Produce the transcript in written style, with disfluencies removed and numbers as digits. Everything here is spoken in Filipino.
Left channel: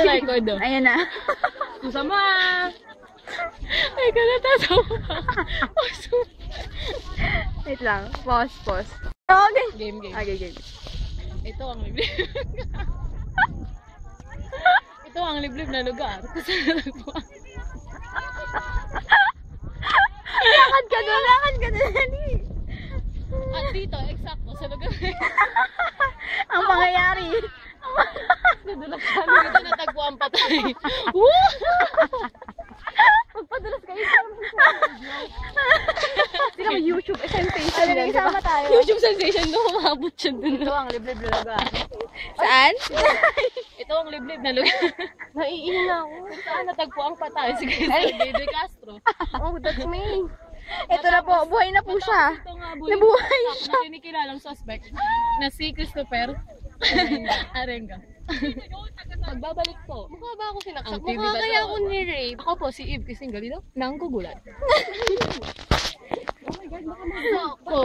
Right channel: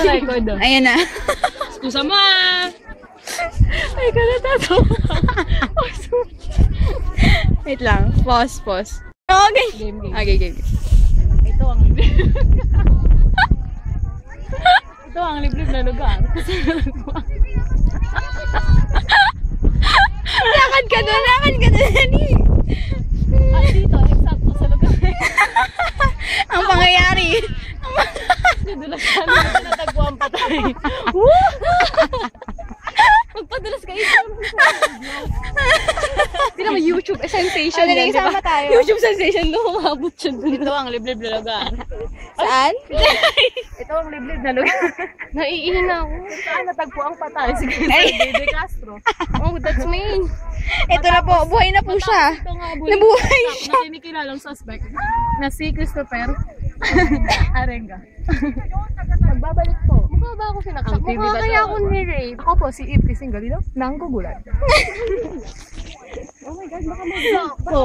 Ito record oh. Ayan na. Excusa mo ah. Ay, kanatato. Wait lang. Pause. Okay. Game. Okay, game. Ito ang liblib. Ito ang liblib na lugar. Lakad ka doon. At dito, eksakto sa lugar. Ang pangyayari. Nadulas kami, natagpuan pa tayo. Woo! Magpadulas kayo. Hindi naman YouTube sensation Ano, yan, isama diba? tayo. YouTube sensation, no? Umabot siya dun. Ito ang liblib na lugar. Saan? Ito ang liblib na lugar. Naiihina ako. Saan natagpuan pa tayo? Sige, Bebe Castro. Oh, that's me. Ito na po. Buhay na po siya. Ito nga, Nabuhay siya. na kinikilalang suspect na si Christopher Arenga. Magbabalik po. Mukha ba ako sinaksak? Mukha kaya ako ni-rape. Ako po, si Eve Crising Galido, nang gugulat. Oh my God, baka mag-block po.